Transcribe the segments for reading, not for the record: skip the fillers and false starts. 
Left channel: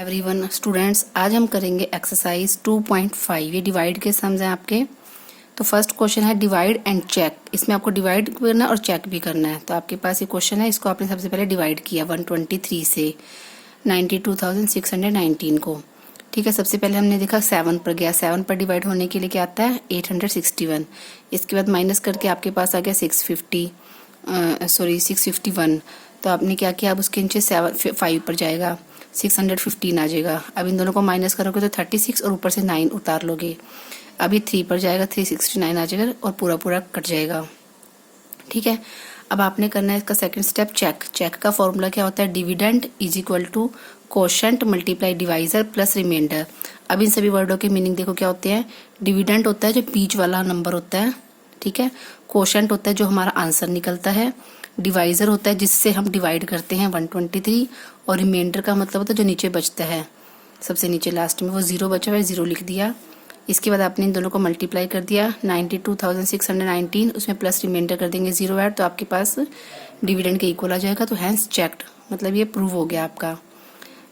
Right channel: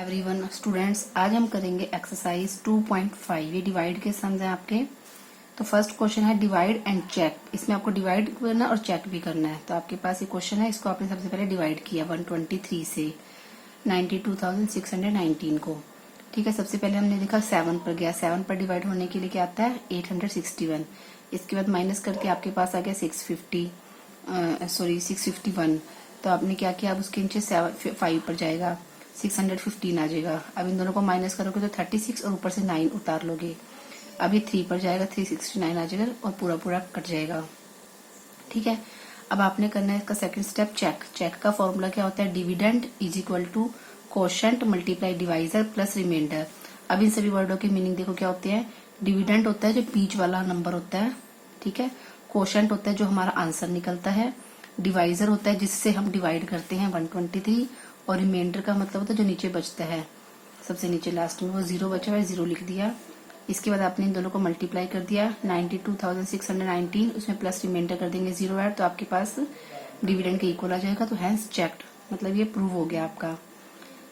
Everyone students, आज हम करेंगे एक्सरसाइज 2.5। ये डिवाइड के सम्स हैं आपके। तो फर्स्ट क्वेश्चन है डिवाइड एंड चेक। इसमें आपको डिवाइड करना है और चेक भी करना है। तो आपके पास ये क्वेश्चन है, इसको आपने सबसे पहले डिवाइड किया 123 से 92,619 को। ठीक है, सबसे पहले हमने देखा 7 पर गया। 7 पर डिवाइड होने के लिए क्या आता है 861। इसके बाद माइनस करके आपके पास आ गया 651। तो आपने क्या किया, अब उसके नीचे 5 पर जाएगा 615 आ जाएगा। अब इन दोनों को माइनस करोगे तो 36 और ऊपर से 9 उतार लोगे। अभी 3 पर जाएगा 369 आ जाएगा और पूरा पूरा कट जाएगा। ठीक है, अब आपने करना है इसका सेकंड स्टेप चेक। चेक का फॉर्मूला क्या होता है, dividend is equal to quotient multiply divisor plus reminder. अब इन सभी वर्डों के मीनिंग देखो क्या होते हैं। डिविडेंड होता है जो बीच वाला नंबर होता है, ठीक है। कोशेंट होता है जो हमारा आंसर निकलता है। डिवाइजर होता है जिससे हम डिवाइड करते हैं 123। और रिमाइंडर का मतलब होता है जो नीचे बचता है, सबसे नीचे लास्ट में वो 0 बचा हुआ है, 0 लिख दिया। इसके बाद आपने इन दोनों को मल्टीप्लाई कर दिया 92,619, उसमें प्लस रिमाइंडर कर देंगे 0 ऐड, तो आपके पास डिविडेंड के इक्वल आ जाएगा। तो हैंस चेक्ड, मतलब ये प्रूव हो गया आपका।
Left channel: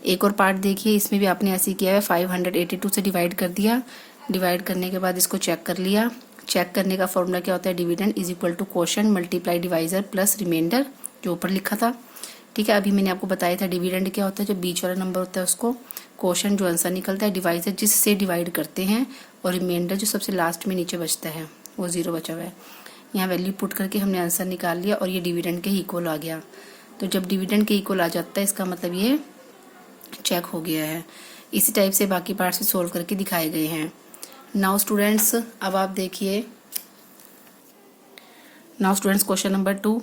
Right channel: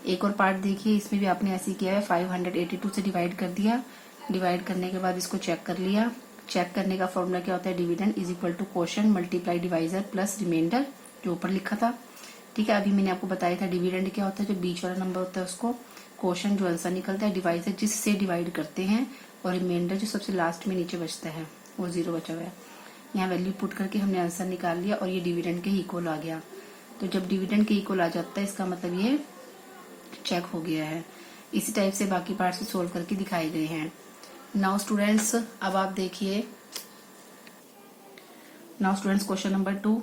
एक और पार्ट देखिए, इसमें भी आपने ऐसे किया है 582 से डिवाइड कर दिया। डिवाइड करने के बाद इसको चेक कर लिया। चेक करने का फॉर्मूला क्या होता है, dividend is equal to quotient multiply divisor plus reminder, जो ऊपर लिखा था। ठीक है, अभी मैंने आपको बताया था डिविडेंड क्या होता है, जो बीच वाला नंबर होता है उसको, कोशेंट जो आंसर निकलता है, डिवाइजर जिससे डिवाइड करते हैं, और रिमाइंडर जो सबसे लास्ट में नीचे बचता है वो 0 बचा हुआ है। यहाँ वैल्यू पुट करके हमने आंसर निकाल लिया और ये डिविडेंड के इक्वल आ गया। तो जब डिविडेंड के इक्वल आ जाता है इसका मतलब ये चेक हो गया है। इसी टाइप से बाकी पार्ट्स भी सोल्व करके दिखाए गए हैं। नाउ स्टूडेंट्स, अब आप देखिए, नाउ स्टूडेंट्स क्वेश्चन नंबर 2।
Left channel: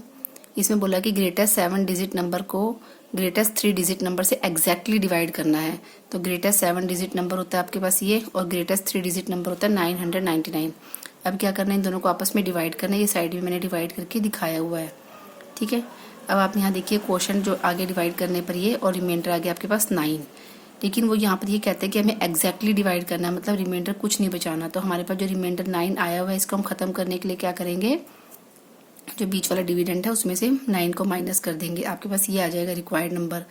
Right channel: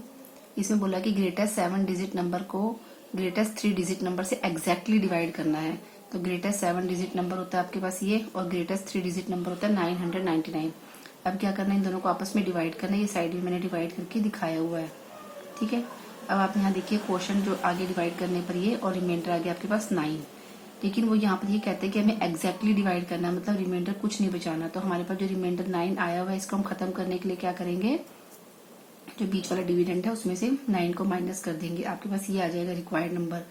इसमें बोला कि ग्रेटेस्ट 7 डिजिट नंबर को ग्रेटेस्ट 3 डिजिट नंबर से एग्जैक्टली डिवाइड करना है। तो ग्रेटेस्ट 7 डिजिट नंबर होता है आपके पास ये, और ग्रेटेस्ट 3 डिजिट नंबर होता है 999। अब क्या करना है, इन दोनों को आपस में डिवाइड करना है। ये साइड में मैंने डिवाइड करके दिखाया हुआ है। ठीक है, अब आप यहाँ देखिए क्वेश्चन जो आगे डिवाइड करने पर ये, और रिमाइंडर आ गया आपके पास 9। लेकिन वो यहाँ पर ये कहते हैं कि हमें एग्जैक्टली डिवाइड करना है, मतलब रिमाइंडर कुछ नहीं बचाना। तो हमारे पास जो रिमाइंडर 9 आया हुआ है, इसको हम खत्म करने के लिए क्या करेंगे, जो बीच वाला डिविडेंड है उसमें से 9 को माइनस कर देंगे। आपके पास ये आ जाएगा रिक्वायर्ड नंबर।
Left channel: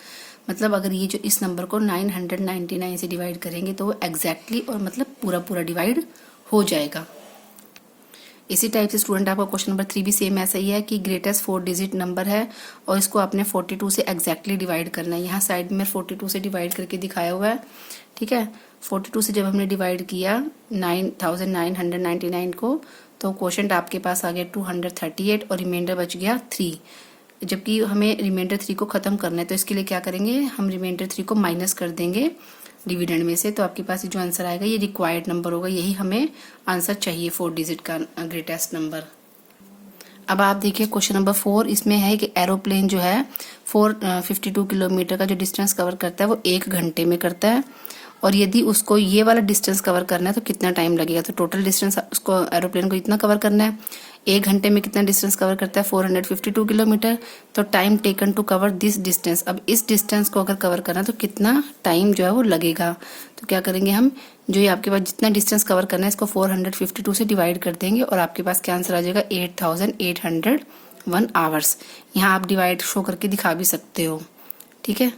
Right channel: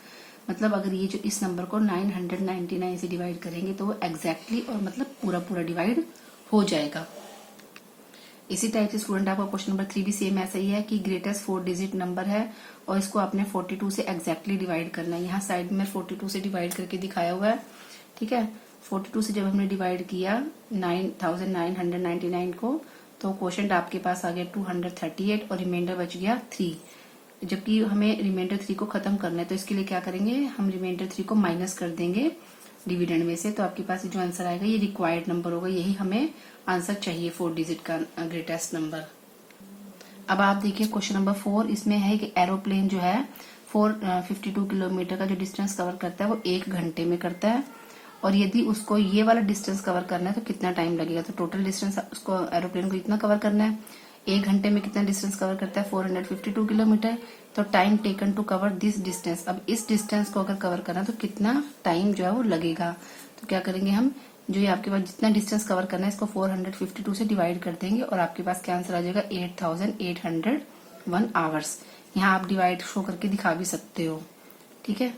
मतलब अगर ये जो इस नंबर को 999 से डिवाइड करेंगे तो वो एग्जैक्टली और मतलब पूरा पूरा डिवाइड हो जाएगा। इसी टाइप से स्टूडेंट आपका क्वेश्चन नंबर 3 भी सेम ऐसा ही है कि ग्रेटेस्ट 4 डिजिट नंबर है और इसको आपने 42 से एग्जैक्टली डिवाइड करना है। यहाँ साइड में 42 से डिवाइड करके दिखाया हुआ है। ठीक है, 42 से जब हमने डिवाइड किया 9,999 को, तो क्वोशंट आपके पास आ गया 238 और रिमाइंडर बच गया 3। जबकि हमें रिमाइंडर 3 को खत्म करना है, तो इसके लिए क्या करेंगे, हम रिमाइंडर 3 को माइनस कर देंगे डिविडेंड में से। तो आपके पास जो आंसर आएगा ये रिक्वायर्ड नंबर होगा, यही हमें आंसर चाहिए 4 डिजिट का ग्रेटेस्ट नंबर। अब आप देखिए क्वेश्चन नंबर 4। इसमें है कि एरोप्लेन जो है 452 किलोमीटर का जो डिस्टेंस कवर करता है वो 1 घंटे में करता है, और यदि उसको ये वाला डिस्टेंस कवर करना है तो कितना टाइम लगेगा। तो टोटल डिस्टेंस उसको एरोप्लेन को इतना कवर करना है। 1 घंटे में कितना डिस्टेंस कवर करता है 452 किलोमीटर। तो time taken to cover this distance, अब इस डिस्टेंस को अगर कवर करना है तो कितना टाइम जो है वो लगेगा। तो क्या करेंगे हम, जो ये आपके पास जितना डिस्टेंस कवर करना है इसको 452 से डिवाइड कर देंगे और आपके पास क्या आंसर आ जाएगा 8,801 आवर्स। यहाँ आप डिवाइड शो करके दिखा भी सकते हो। ठीक है,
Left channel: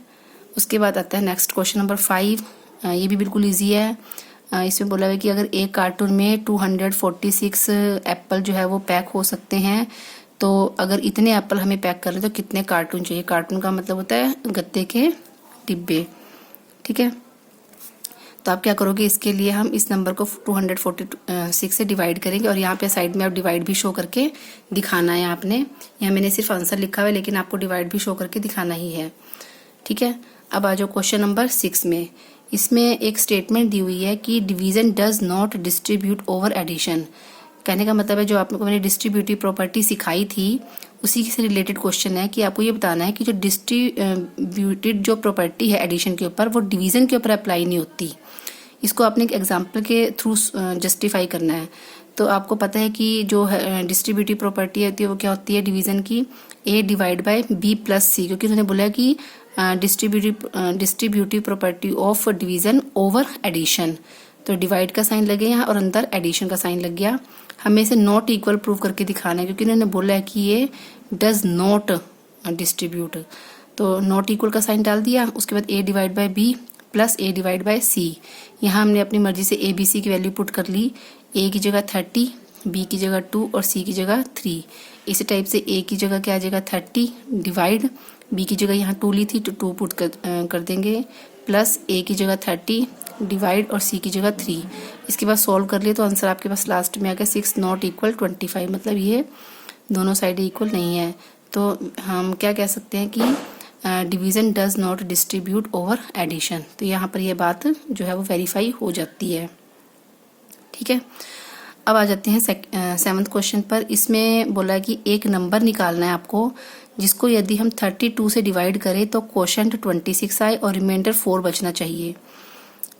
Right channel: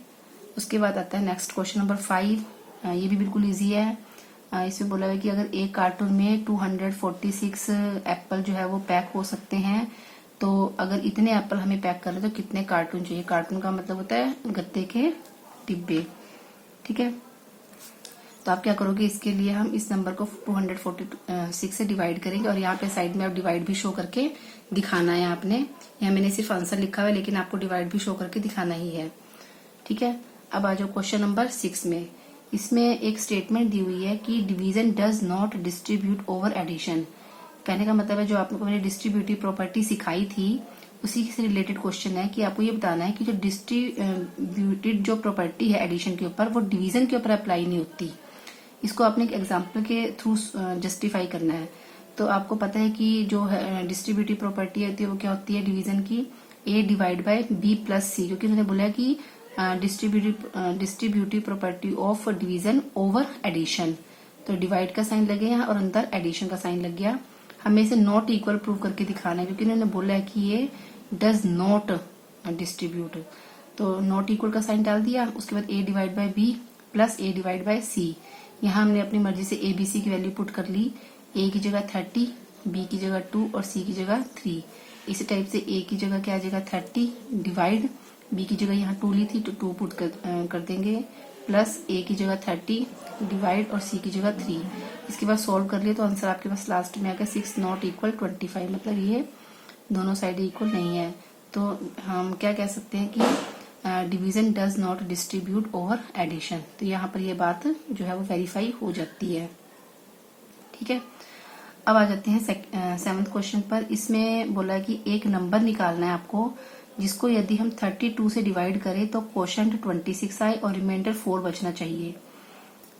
उसके बाद आता है नेक्स्ट क्वेश्चन नंबर 5। ये भी बिल्कुल इजी है। इसमें बोला है कि अगर एक कार्टून में 246 एप्पल जो है वो पैक हो सकते हैं, तो अगर इतने एप्पल हमें पैक कर रहे तो कितने कार्टून चाहिए। कार्टून का मतलब होता है गत्ते के डिब्बे। ठीक है, तो आप क्या करोगे, इसके लिए हम इस नंबर को 246 से डिवाइड करेंगे, और यहाँ पे साइड में आप डिवाइड भी शो करके दिखाना है आपने। यहाँ मैंने सिर्फ आंसर लिखा हुआ है, लेकिन आपको डिवाइड भी शो करके दिखाना ही है। ठीक है, अब आ जाओ क्वेश्चन नंबर 6 में। इसमें एक स्टेटमेंट दी हुई है कि division does not distribute over addition. कहने का मतलब है, जो आप लोगों को मैंने डिस्ट्रीब्यूटिव प्रॉपर्टी सिखाई थी उसी से रिलेटेड क्वेश्चन है कि आपको ये बताना है कि जो डिस्ट्रीब्यूटेड जो प्रॉपर्टी है एडिशन के ऊपर, वो डिवीजन के ऊपर अप्लाई नहीं होती। इसको आपने एक एग्जाम्पल के थ्रू जस्टिफाई करना है। तो आपको पता है कि जो डिस्ट्रीब्यूटिव प्रॉपर्टी होती है वो क्या होती है डिवीजन की, A divide by B plus C, क्योंकि उन्होंने बोला कि distributive property of division over addition. तो डिवाइड का साइन लगे यहाँ और अंदर एडिशन का साइन लग गया। हमें इसे नॉट इक्वल प्रूव करके दिखाना है, क्योंकि उन्होंने बोला है कि ये डज नॉट डिस्ट्रीब्यूट। तो नॉट इक्वल का साइन डाल दिया, उसके बाद A divide by B plus A divide by C. यहाँ हमने अपनी मर्जी से ए बी सी की वैल्यू पुट कर ली। ए की जगह 30, बी की जगह 2 और सी की जगह 3। इसी टाइप से ए की जगह क्या आ जाएगा 30 डिवाइड, बी की जगह यहाँ 2 ली थी तो 2 पुट कर देंगे, प्लस ए की जगह 30 डिवाइड और सी की जगह 3। इसके बाद सॉल्व कर लिए तो आंसर आपके पास लास्ट में आ गया 6 नॉट इक्वल 25, मतलब ये दोनों साइड इक्वल नहीं है। तो हम क्या कह सकते हैं कि division does not distribute over addition. तो यहाँ पर ये बात जो है वो वेरीफाई हो जाती है। ठीक है, अब आ जाते हैं 7th क्वेश्चन पर। इसमें बोला है कि एक नंबर निकालना है आपको जिसको यदि हम 32 से डिवाइड करें तो क्वोशंट 26 आए और रिमाइंडर 4 बचना चाहिए।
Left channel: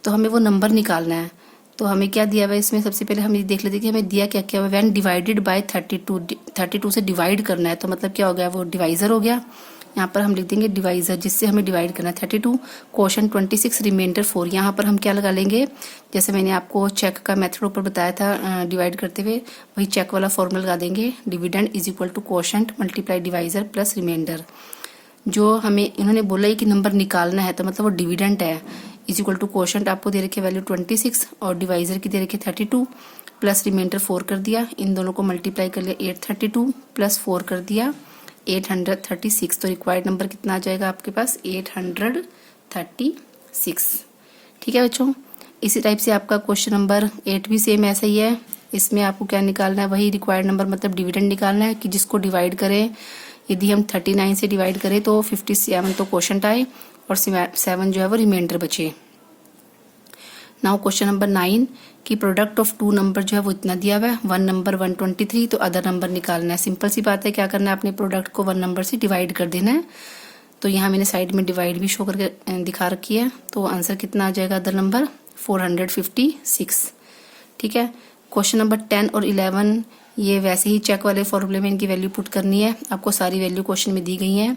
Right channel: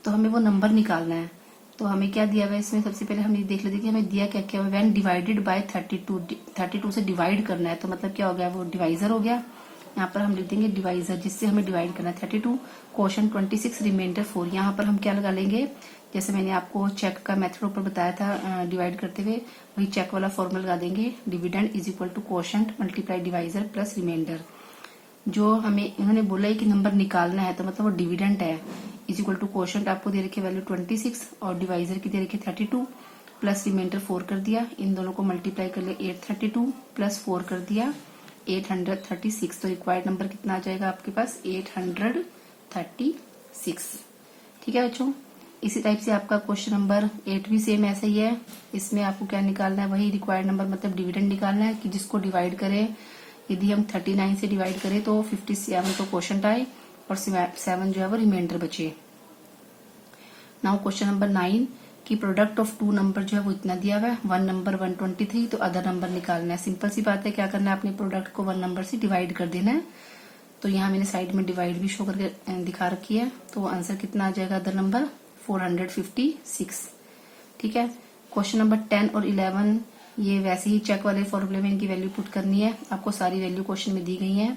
तो हमें वो नंबर निकालना है। तो हमें क्या दिया हुआ है इसमें, सबसे पहले हम ये देख लेते हैं कि हमें दिया क्या क्या हुआ। व्हेन डिवाइडेड बाय 32 से डिवाइड करना है तो मतलब क्या हो गया, वो डिवाइजर हो गया। यहाँ पर हम लिख देंगे डिवाइजर जिससे हमें डिवाइड करना है 32, क्वोशंट 26, रिमाइंडर 4। यहाँ पर हम क्या लगा लेंगे, जैसे मैंने आपको चेक का मेथड ऊपर बताया था डिवाइड करते हुए, वही चेक वाला फॉर्मूला लगा देंगे। Dividend is equal to quotient multiply divisor plus reminder. जो हमें इन्होंने बोला है कि नंबर निकालना है तो मतलब वो डिविडेंड है, इज इक्वल टू क्वोशंट आपको दे रखी है वैल्यू 26 और डिवाइजर की दे रखी है 32 प्लस रिमाइंडर 4 कर दिया। इन दोनों को मल्टीप्लाई कर लिया, 832 प्लस 4 कर दिया 836। तो रिक्वायर्ड नंबर कितना आ जाएगा आपके पास 836। ठीक है बच्चों, इसी टाइप से आपका क्वेश्चन नंबर 8 भी सेम ऐसा ही है। इसमें आपको क्या निकालना है, वही रिक्वायर्ड नंबर मतलब डिविडेंड निकालना है कि जिसको डिवाइड करें। यदि हम 39 से डिवाइड करें तो 57 तो क्वोशंट आए और 7 जो है वो रिमाइंडर बचे। नाउ क्वेश्चन नंबर 9 कि प्रोडक्ट ऑफ 2 नंबर जो है वो इतना दिया हुआ है, 1 नंबर 123 तो अदर नंबर निकालना है। सिंपल सी बात है, क्या करना है, अपने प्रोडक्ट को 1 नंबर से डिवाइड कर देना है। तो यहाँ मैंने साइड में डिवाइड भी शो करके दिखा रखी है। तो आंसर कितना आ जाएगा अदर नंबर 456। ठीक है, क्वेश्चन नंबर 10 और 11 ये वैसे ही चेक वाले फॉर्मूले में इनकी वैल्यू पुट करनी है। आपको सारी वैल्यू क्वेश्चन में दी गई है।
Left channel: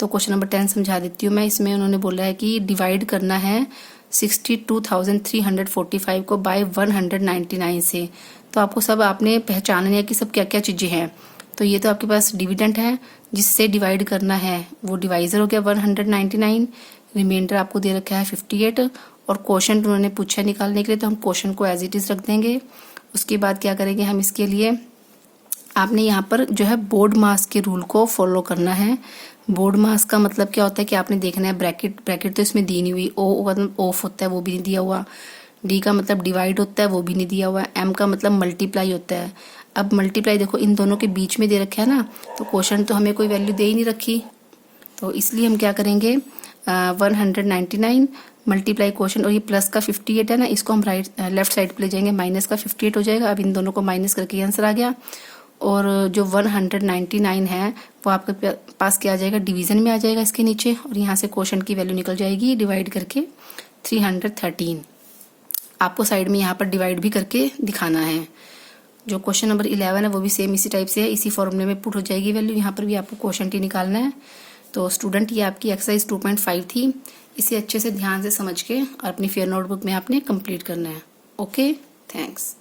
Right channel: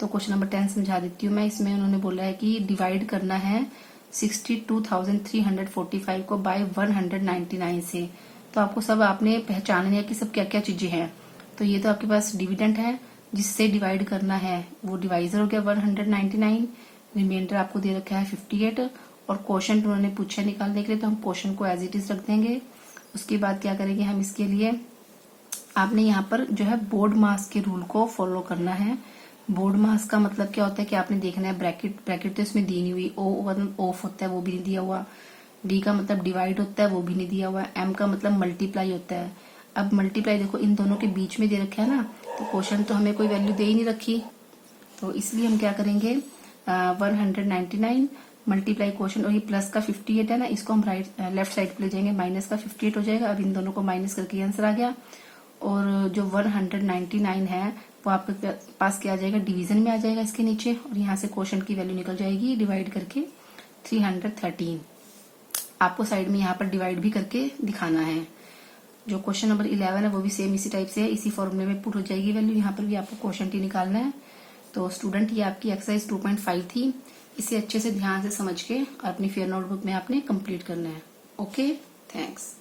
तो क्वेश्चन नंबर 10 समझा देती हूँ मैं। इसमें उन्होंने बोला है कि डिवाइड करना है 62,345 को बाय 199 से। तो आपको सब आपने पहचानना है कि सब क्या क्या चीजें हैं। तो ये तो आपके पास डिविडेंड है जिससे डिवाइड करना है, वो डिवाइजर हो गया 199, रिमाइंडर आपको दे रखा है 58 और क्वोशंट उन्होंने पूछा निकालने के लिए, तो हम क्वोशंट को एज इट इज रख देंगे। उसके बाद क्या करेंगे हम, इसके लिए आपने यहाँ पर जो है बोर्ड मास के रूल को फॉलो करना है। बोर्ड मास का मतलब क्या होता है कि आपने देखना है ब्रैकेट तो इसमें दी नहीं हुई, ओ मतलब ऑफ होता है वो भी नहीं दिया हुआ, डी का मतलब डिवाइड होता है वो भी नहीं दिया हुआ, एम का मतलब मल्टीप्लाई होता है। अब मल्टीप्लाई देखो इन दोनों के बीच में दे रखा है ना, तो क्वेश्चन तो हमें कोई वैल्यू दे ही नहीं रखी। तो इसलिए हम क्या करेंगे 199 मल्टीप्लाई क्वेश्चन, और ये प्लस का 58 है ना, इसको हम लेफ्ट साइड पे ले जाएंगे, माइनस का 58 हो जाएगा। अब इन दोनों को माइनस करके आंसर आ गया। और जो 199 है वो आपके पास क्या आ जाएगा, डिवीजन में आ जाएगा इसके नीचे, और यहाँ से क्वोशंट की वैल्यू निकल जाएगी डिवाइड करके 313। आपको साइड में यहाँ पर डिवाइड भी करके दिखाना है। जो क्वेश्चन नंबर 11 है वो भी सेम इसी टाइप से है, इसी फॉर्मूले में पुट हो जाएगी वैल्यू। यहाँ पर भी आपको क्वोशंट ही निकालना है। तो स्टूडेंट ये आपकी एक्सरसाइज 2.5 थी। इसे अच्छे से ध्यान से समझ के और अपनी फेयर नोटबुक में आपने कंप्लीट करना है। Okay, thanks.